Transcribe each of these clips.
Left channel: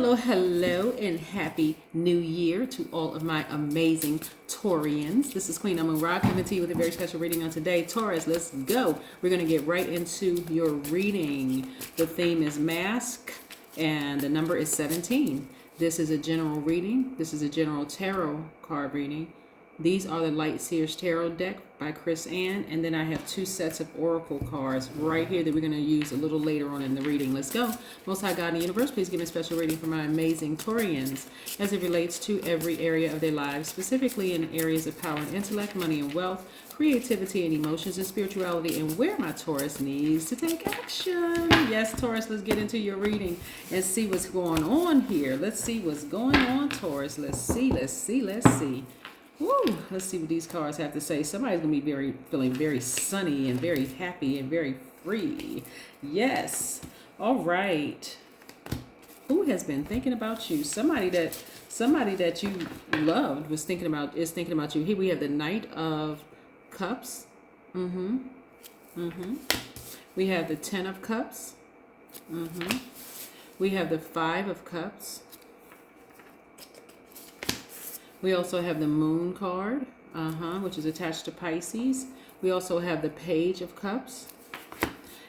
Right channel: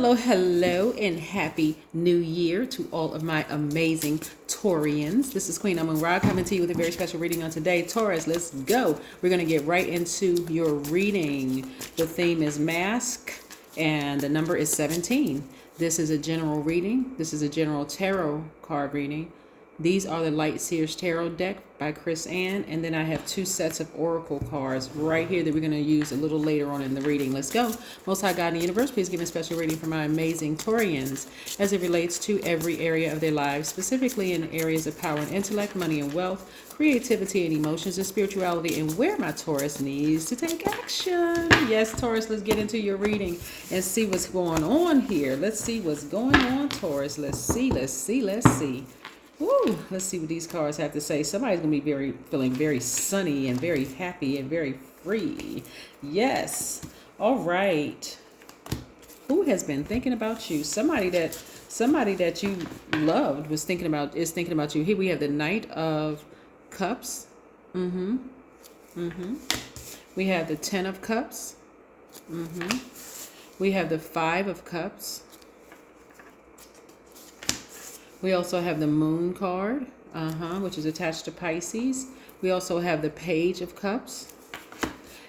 Hello, hello, and happy new year to all of my amazing Taurians. This is Queen Amun Ra coming to you with a very special reading on today. Taurus, let's go. We're going to get right into your reading. The theme is mask, and the number is 17. This is a general reading. This is a general tarot card reading. These are the Light Seers Tarot deck by Chris Ann. And then I have two sets of oracle cards right here that we're going to use a little later on in the reading. Let's go. Most High God in the universe, please give me a special reading for my amazing Taurians as it relates to every area of their lives, specifically in areas of power and intellect, money and wealth, creativity and emotions and spirituality, and where my Taurus needs to take action. Yes, Taurus, let's get into your reading and see what's going on here. Let's see what's going on, Taurus. Let's see. Woo, let's see what these cards have to say. Somebody's going to be feeling very sunny and very happy and very free. Yes. All right. Who has been thinking about you? Somebody that you loved is thinking about you. Here we have the Knight of Cups. We have the Ten of Cups. We have the Five of Cups. We also have the Moon card, which is attached to Pisces. We also have the Page of Cups.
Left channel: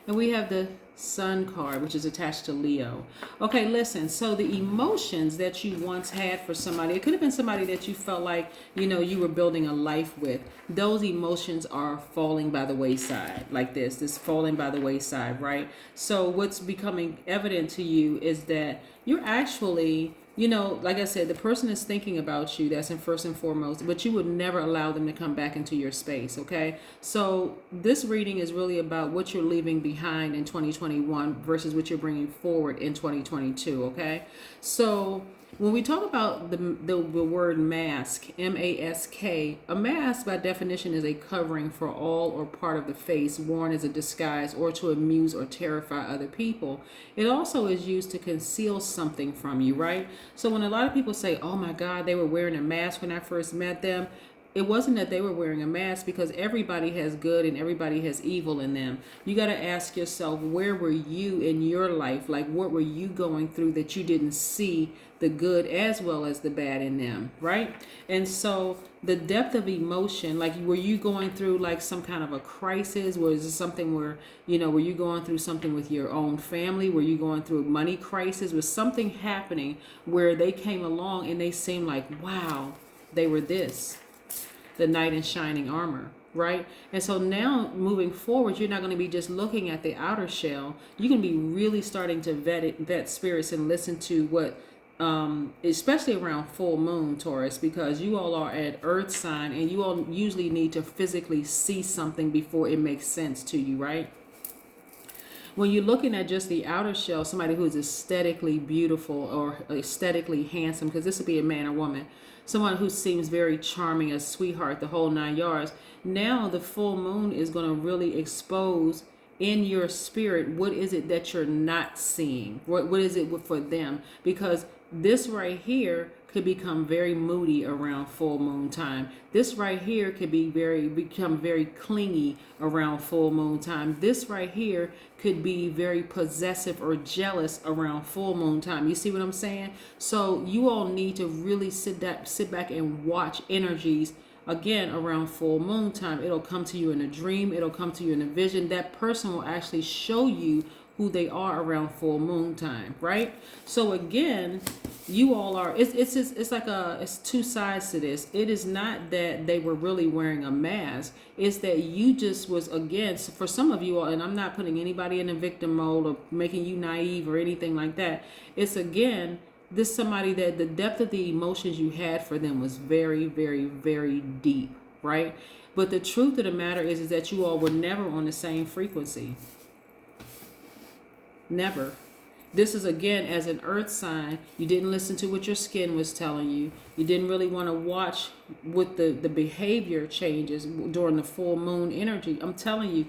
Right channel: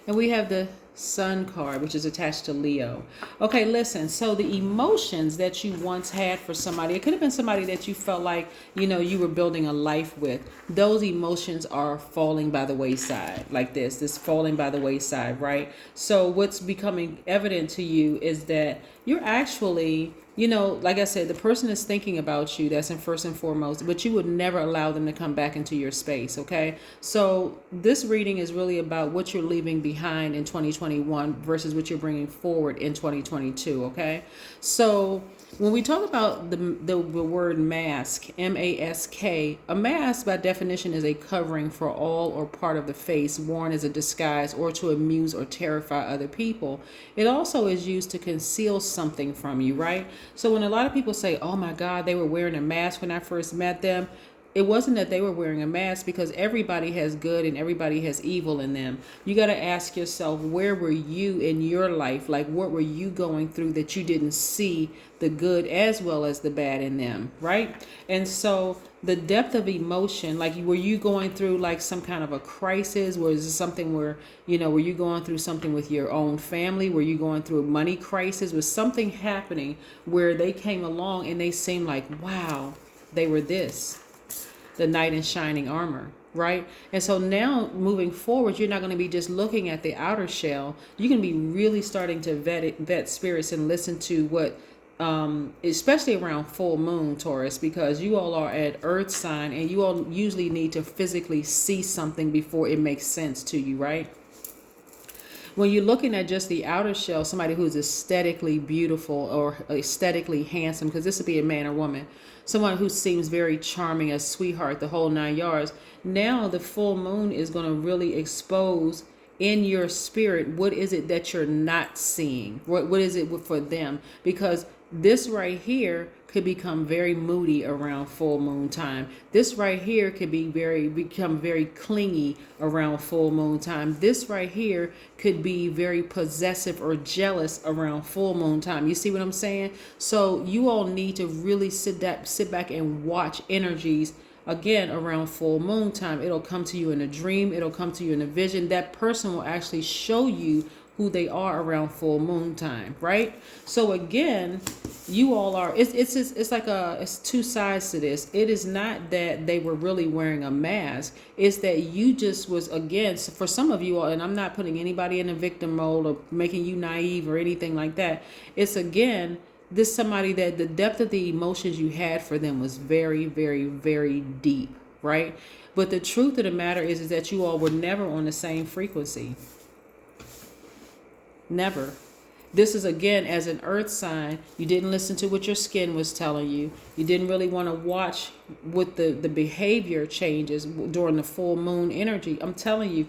And we have the Sun card, which is attached to Leo. Okay, listen. So the emotions that you once had for somebody, it could have been somebody that you felt like, you were building a life with. Those emotions are falling by the wayside like this falling by the wayside, right? So what's becoming evident to you is that you're actually, like I said, the person is thinking about you. That's in first and foremost, but you would never allow them to come back into your space. Okay. So this reading is really about what you're leaving behind in 2021 versus what you're bringing forward in 2022. Okay. So when we talk about the word mask, M-A-S-K, a mask by definition is a covering for all or part of the face worn as a disguise or to amuse or terrify other people. It also is used to conceal something from you, right? So when a lot of people say, oh my God, they were wearing a mask when I first met them, it wasn't that they were wearing a mask, because everybody has good and everybody has evil in them. You got to ask yourself, where were you in your life? Like, what were you going through that you didn't see the good as well as the bad in them, right? And so the depth of emotion, like, were you going through like some kind of a crisis? Was it something where, were you going through something with your own family? Were you going through a money crisis? Was something happening where they came along and they seemed like, wow, they were this? The knight in shining armor, right? And so now moving forward, you're not going to be just looking at the outer shell. You can be really starting to vet spirits and listen to what, especially around full moon, Taurus, because you all are at earth sign and you all usually need to physically see something before it makes sense to you, right? When you're looking at just the outer shell, somebody who's aesthetically beautiful or aesthetically handsome, because this would be a man or woman, someone who seems very charming, a sweetheart, the whole 9 yards. Now the full moon is going to really expose in your spirit, what is it that you're not seeing? What is it for them? Because this right here could become very moody around full moon time. This right here could become very clingy around full moon time. This right here could be very possessive or jealous around full moon time. You see what I'm saying? So you all need to really sit back and watch energies again around full moon time. It'll come to you in a dream. It'll come to you in a vision. That person will actually show you who they are around full moon time, right? So again, you all are, it's two sides to this. It is not that they were really wearing a mask. It's that you just was, again, for some of you all, and I'm not putting anybody in a victim mode or making you naive or anything like that. It's, again, this somebody that the depth of the emotions you had for them was very, very, very deep, right? But the truth of the matter is that you all were never on the same frequency. Never. This is, again, as an earth sign, you didn't listen to what your skin was telling you. You didn't really want to watch what the behavior changes during the full moon energy. I'm telling you,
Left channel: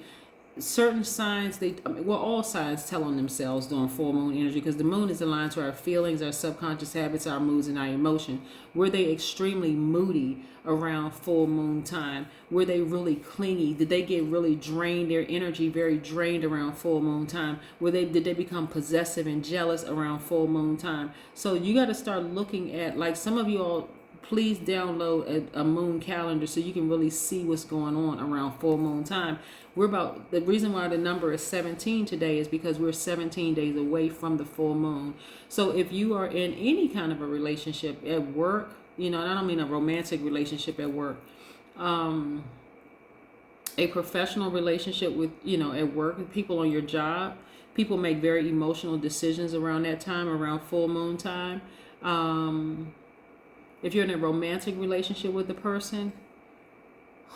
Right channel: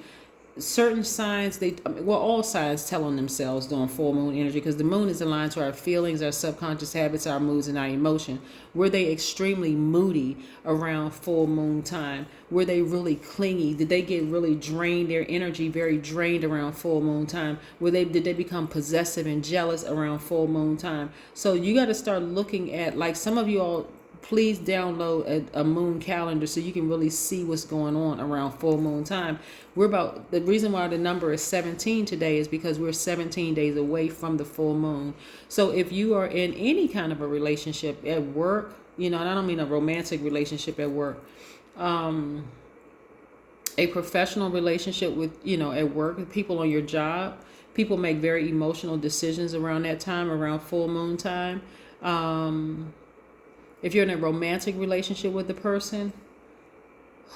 certain signs, all signs tell on themselves during full moon energy, because the moon is aligned to our feelings, our subconscious habits, our moods, and our emotion. Were they extremely moody around full moon time? Were they really clingy? Did they get really drained, their energy very drained around full moon time? Did they become possessive and jealous around full moon time? So you got to start looking at, like, some of you all, please download a moon calendar so you can really see what's going on around full moon time. The reason why the number is 17 today is because we're 17 days away from the full moon. So if you are in any kind of a relationship at work, and I don't mean a romantic relationship at work, a professional relationship with, at work, with people on your job, people make very emotional decisions around that time, around full moon time. If you're in a romantic relationship with the person,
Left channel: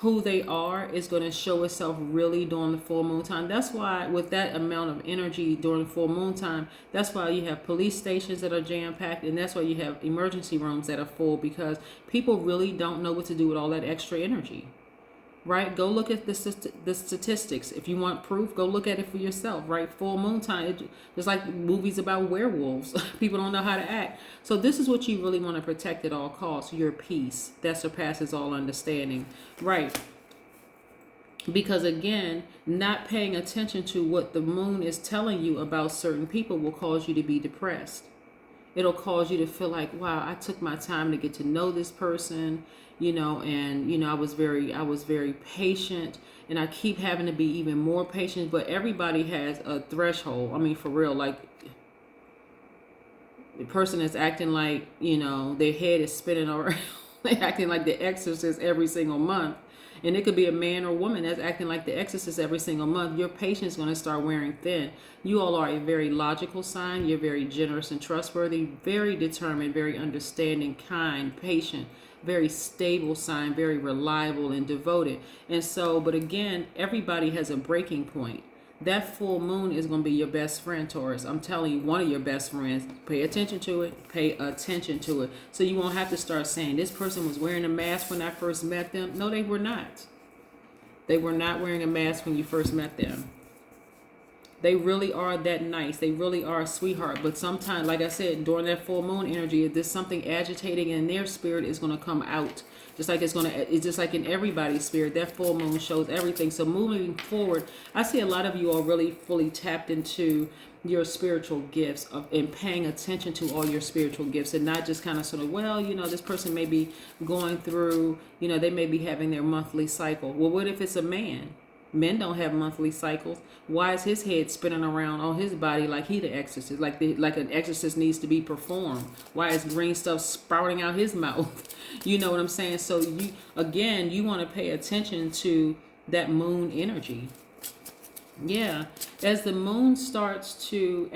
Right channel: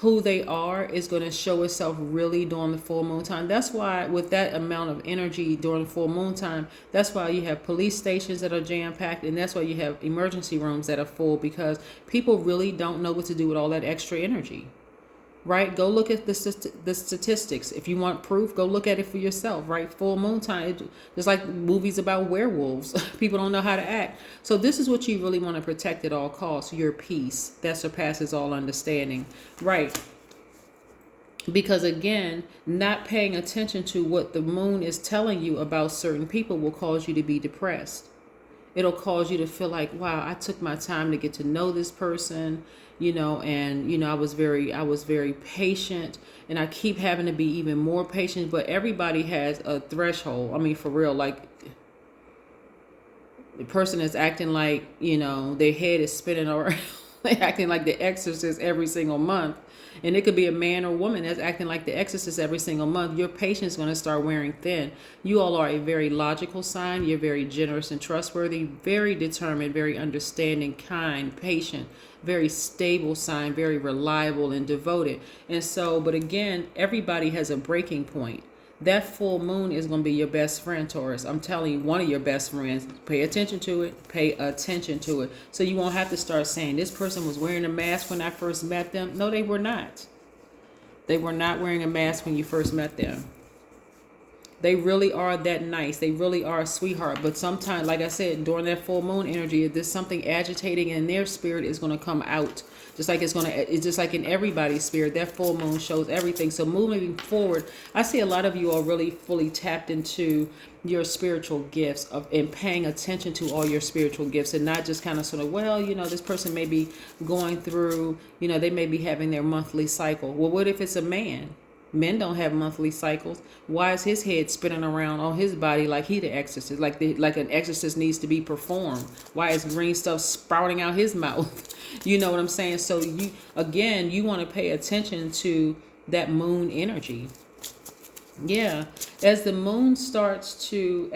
who they are is going to show itself really during the full moon time. That's why with that amount of energy during the full moon time, that's why you have police stations that are jam-packed, and that's why you have emergency rooms that are full, because people really don't know what to do with all that extra energy. Right? Go look at the statistics. If you want proof, go look at it for yourself, right? Full moon time, it's like movies about werewolves. People don't know how to act. So this is what you really want to protect at all costs, your peace that surpasses all understanding, right? Because again, not paying attention to what the moon is telling you about certain people will cause you to be depressed. It'll cause you to feel like, wow, I took my time to get to know this person, and I was very patient, and I keep having to be even more patient. But everybody has a threshold. I mean, for real, like, the person is acting like, their head is spinning around. They're acting like the exorcist every single month. And it could be a man or woman that's acting like the exorcist every single month. Your patience is going to start wearing thin. You all are a very logical sign. You're very generous and trustworthy, very determined, very understanding, kind, patient, very stable sign, very reliable and devoted. And so, but again, everybody has a breaking point. That full moon is going to be your best friend, Taurus. I'm telling you, one of your best friends. Pay attention to it. Pay attention to it. So you won't have to start saying, this person was wearing a mask when I first met them. No, they were not. They were not wearing a mask when you first met them. They really are that nice. They really are a sweetheart. But sometimes, like I said, during that full moon energy, if there's something agitating in their spirit, is going to come out. It's just like in everybody's spirit, that full moon shows everything. So moving forward, I see a lot of you are really fully tapped into your spiritual gifts and paying attention to all your spiritual gifts, and not just kind of sort of, this person may be going through, they may be having their monthly cycle. Well, what if it's a man? Men don't have monthly cycles. Why is his head spinning around on his body like he the exorcist, like an exorcist needs to be performed? Why is green stuff sprouting out his mouth? You know what I'm saying? So you want to pay attention to that moon energy. Yeah, as the moon starts to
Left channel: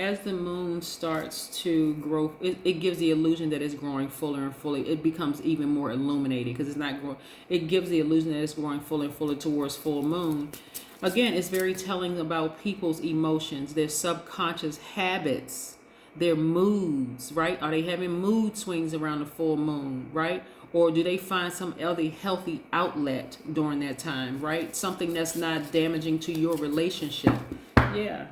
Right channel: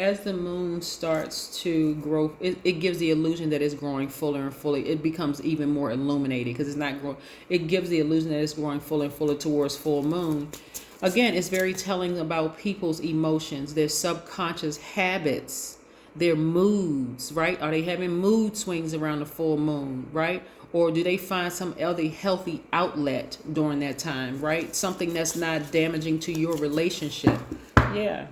grow, it gives the illusion that it's growing fuller and fuller. It becomes even more illuminated because it's not growing. It gives the illusion that it's growing fuller and fuller towards full moon. Again, it's very telling about people's emotions, their subconscious habits, their moods, right? Are they having mood swings around the full moon, right? Or do they find some other healthy outlet during that time, right? Something that's not damaging to your relationship. Yeah.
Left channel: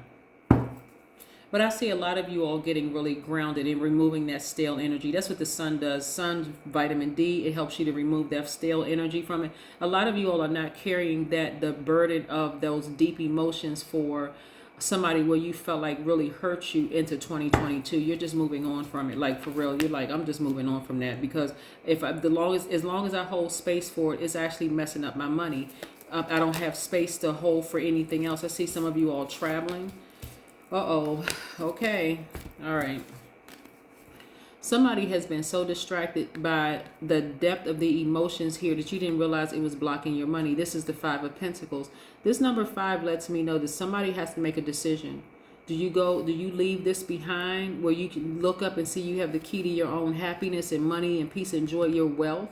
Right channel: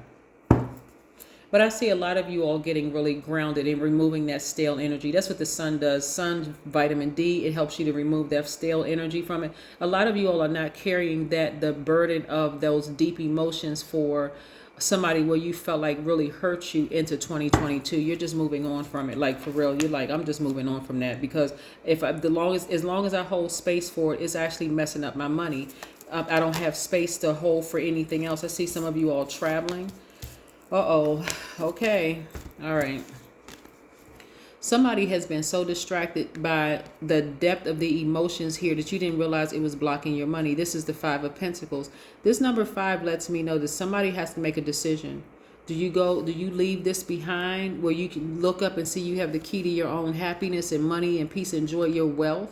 But I see a lot of you all getting really grounded and removing that stale energy. That's what the sun does. Sun, vitamin D, it helps you to remove that stale energy from it. A lot of you all are not carrying the burden of those deep emotions for somebody where you felt like really hurt you into 2022. You're just moving on from it. Like, for real, you're like, I'm just moving on from that, because as long as I hold space for it, it's actually messing up my money. I don't have space to hold for anything else. I see some of you all traveling. Okay. All right. Somebody has been so distracted by the depth of the emotions here that you didn't realize it was blocking your money. This is the 5 of Pentacles. This number 5 lets me know that somebody has to make a decision. Do you leave this behind where you can look up and see you have the key to your own happiness and money and peace, enjoy your wealth?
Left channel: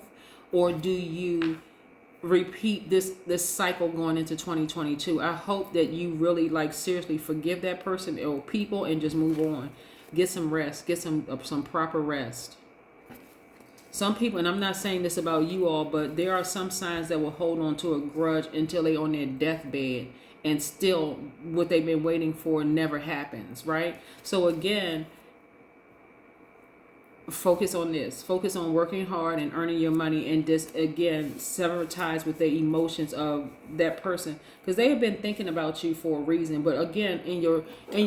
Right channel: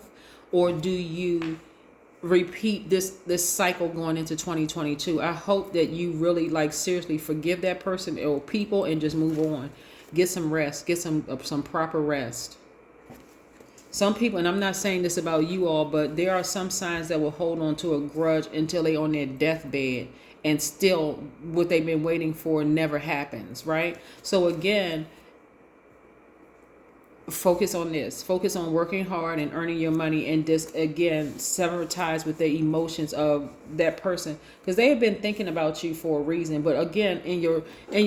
Or do you repeat this cycle going into 2022? I hope that you really seriously forgive that person or people and just move on. Get some rest. Get some proper rest. Some people, and I'm not saying this about you all, but there are some signs that will hold on to a grudge until they on their deathbed, and still what they've been waiting for never happens, right? So again, focus on this. Focus on working hard and earning your money, and just again sever ties with the emotions of that person, because they have been thinking about you for a reason. But again, in your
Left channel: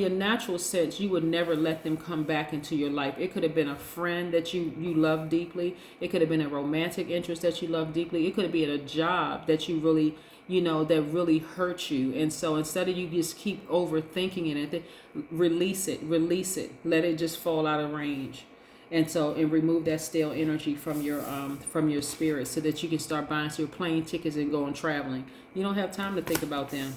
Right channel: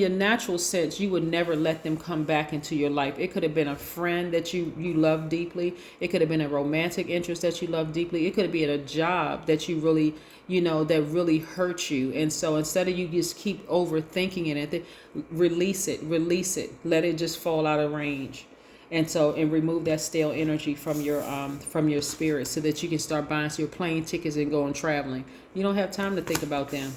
natural sense, you would never let them come back into your life. It could have been a friend that you love deeply. It could have been a romantic interest that you love deeply. It could have been a job that you really, that really hurt you. And so instead of you just keep overthinking it, release it, let it just fall out of range. And remove that stale energy from your spirit, so that you can start buying your plane tickets and going traveling. You don't have time to think about them.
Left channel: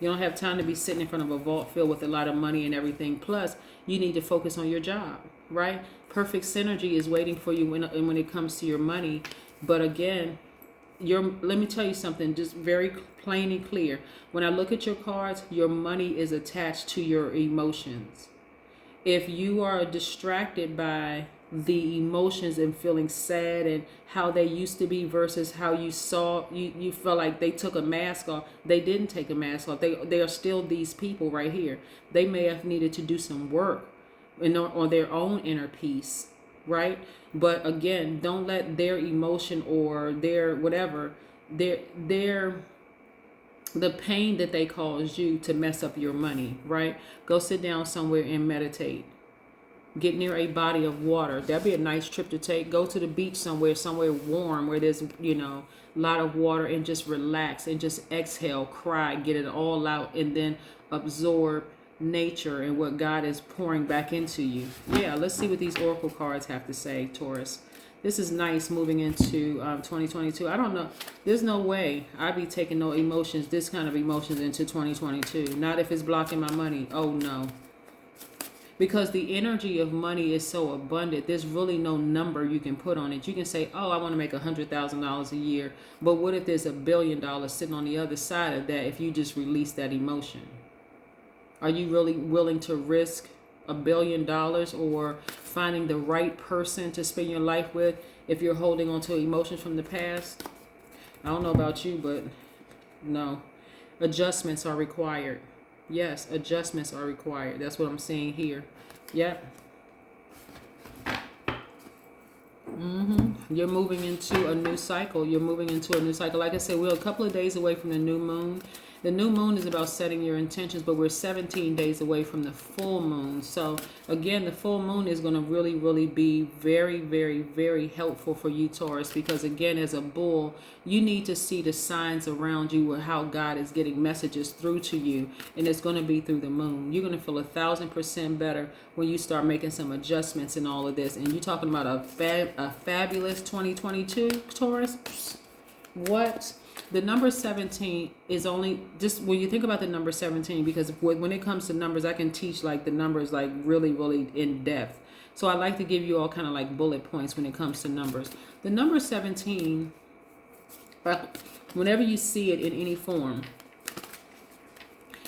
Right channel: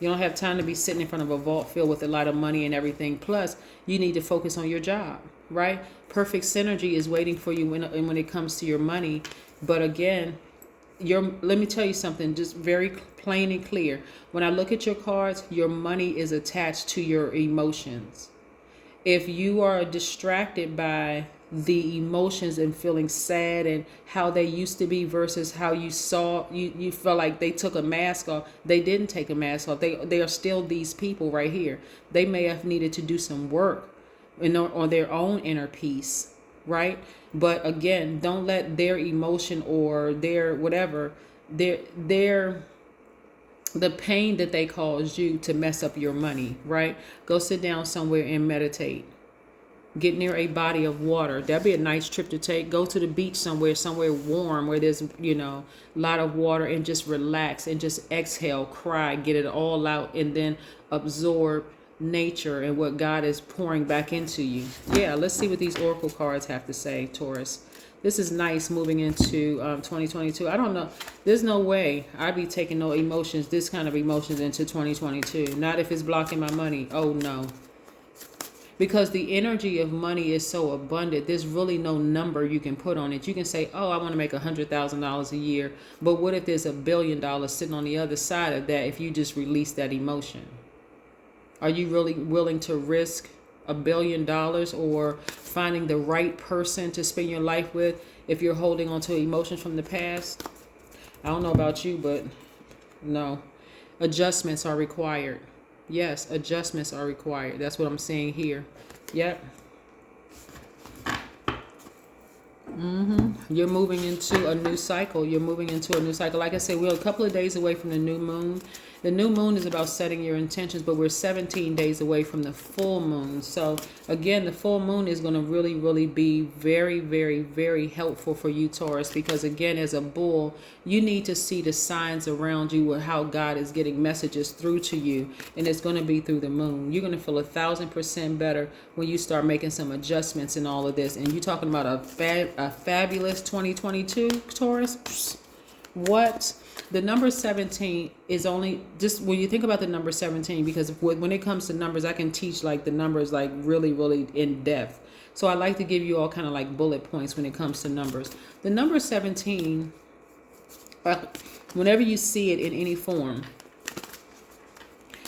You don't have time to be sitting in front of a vault filled with a lot of money and everything. Plus, you need to focus on your job, right? Perfect synergy is waiting for you when it comes to your money. But again, let me tell you something, just very plain and clear. When I look at your cards, your money is attached to your emotions. If you are distracted by the emotions and feeling sad and how they used to be versus how you felt like they took a mask off. They didn't take a mask off. They are still these people right here. They may have needed to do some work on their own inner peace, right? But again, don't let their emotion or their whatever, the pain that they caused you to mess up your money, right? Go sit down somewhere and meditate. Get near a body of water. That'd be a nice trip to take. Go to the beach somewhere warm where there's, a lot of water, and just relax and just exhale, cry, get it all out, and then absorb nature and what God is pouring back into you. Yeah, let's see what these oracle cards have to say, Taurus. This is nice moving into 2022. I don't know. There's no way I'd be taking this kind of emotions into 2022. Not if it's blocking my money. Oh, no. Because the energy of money is so abundant, there's really no number you can put on it. You can say, oh, I want to make $100,000 a year. But what if there's $1 billion sitting on the other side of that if you just release that emotion? Are you really willing to risk $1 billion or finding the right person to spend your life with if you're holding on to emotions from the past? I don't know about you, but no. Adjustments are required. Yes, adjustments are required. That's what I'm saying here. Yep. You're moving into a new cycle. Like I said, we're a couple of days away from the new moon. The new moon is about setting your intentions, but we're 17 days away from the full moon. So again, the full moon is going to really, really be very, very, very helpful for you, Taurus, because again, as a bull, you need to see the signs around you with how God is getting messages through to you. And it's going to be through the moon. You're going to feel 1,000% better when you start making some adjustments in all of this. And you're talking about a fabulous 2022, Taurus. What? The number 17 is only just when you think about the number 17, because when it comes to numbers, I can teach like the numbers like really, really in depth. So I like to give you all kind of like bullet points when it comes to numbers. The number 17, whenever you see it in any form,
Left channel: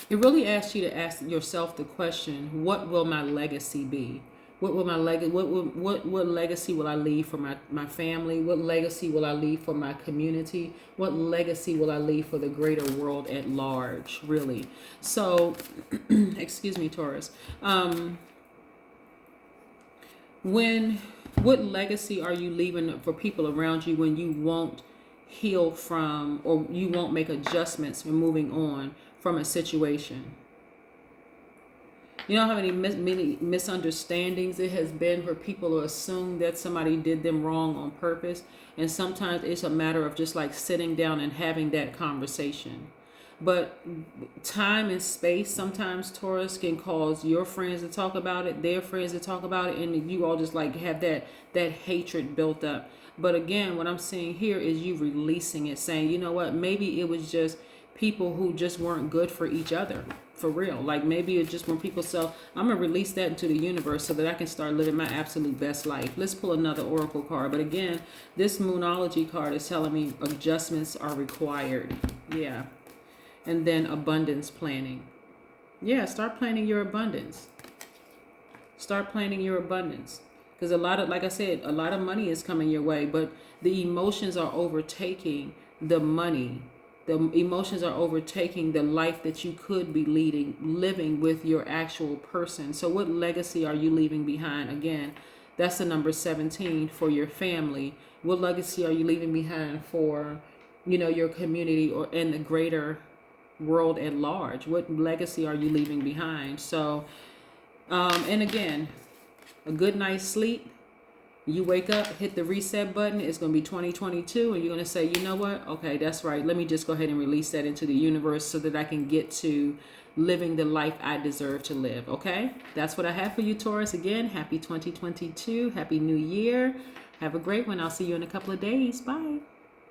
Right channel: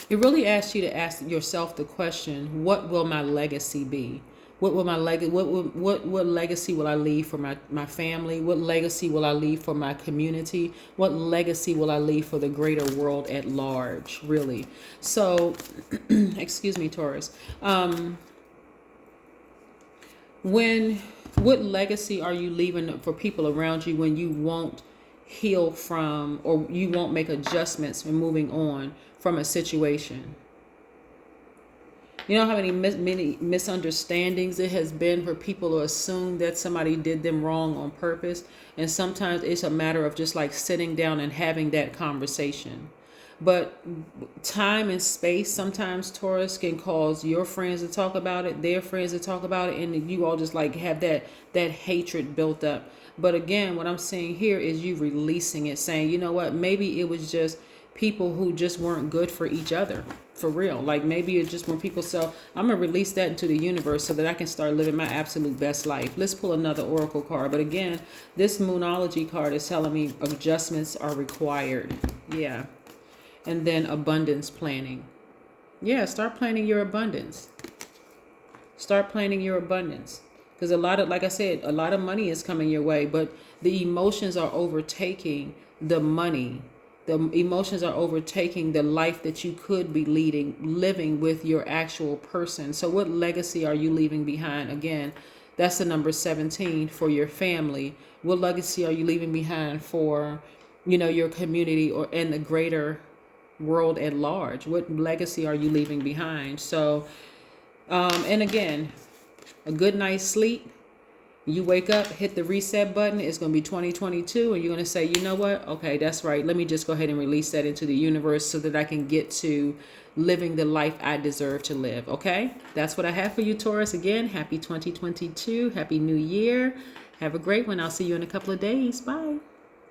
it really asks you to ask yourself the question, what will my legacy be? What will my what legacy will I leave for my family? What legacy will I leave for my community? What legacy will I leave for the greater world at large, really? So, excuse me, Taurus. What legacy are you leaving for people around you when you won't heal from, or you won't make adjustments and moving on from a situation? You know how many misunderstandings it has been for people to assume that somebody did them wrong on purpose? And sometimes it's a matter of just like sitting down and having that conversation. But time and space, sometimes, Taurus, can cause your friends to talk about it, their friends to talk about it, and you all just like have that hatred built up. But again, what I'm saying here is you releasing it, saying, you know what, maybe it was just people who just weren't good for each other. For real. Like maybe it's just when people say, I'm going to release that into the universe so that I can start living my absolute best life. Let's pull another oracle card. But again, this moonology card is telling me adjustments are required. Yeah. And then abundance planning. Yeah, start planning your abundance. Start planning your abundance. Because like I said, a lot of money is coming your way, but the emotions are overtaking the money. The emotions are overtaking the life that you could be living with your actual person. So what legacy are you leaving behind? Again, that's the number 17 for your family. What legacy are you leaving behind for, your community or in the greater world at large? What legacy are you leaving behind? So, and again, a good night's sleep. You wake up, hit the reset button. It's going to be 2022, and you're going to say, you know what? Okay, that's right. Let me just go ahead and release that into the universe so that I can get to living the life I deserve to live. Okay, that's what I have for you, Taurus. Again, happy 2022. Happy New Year. Have a great one. I'll see you in a couple of days. Bye.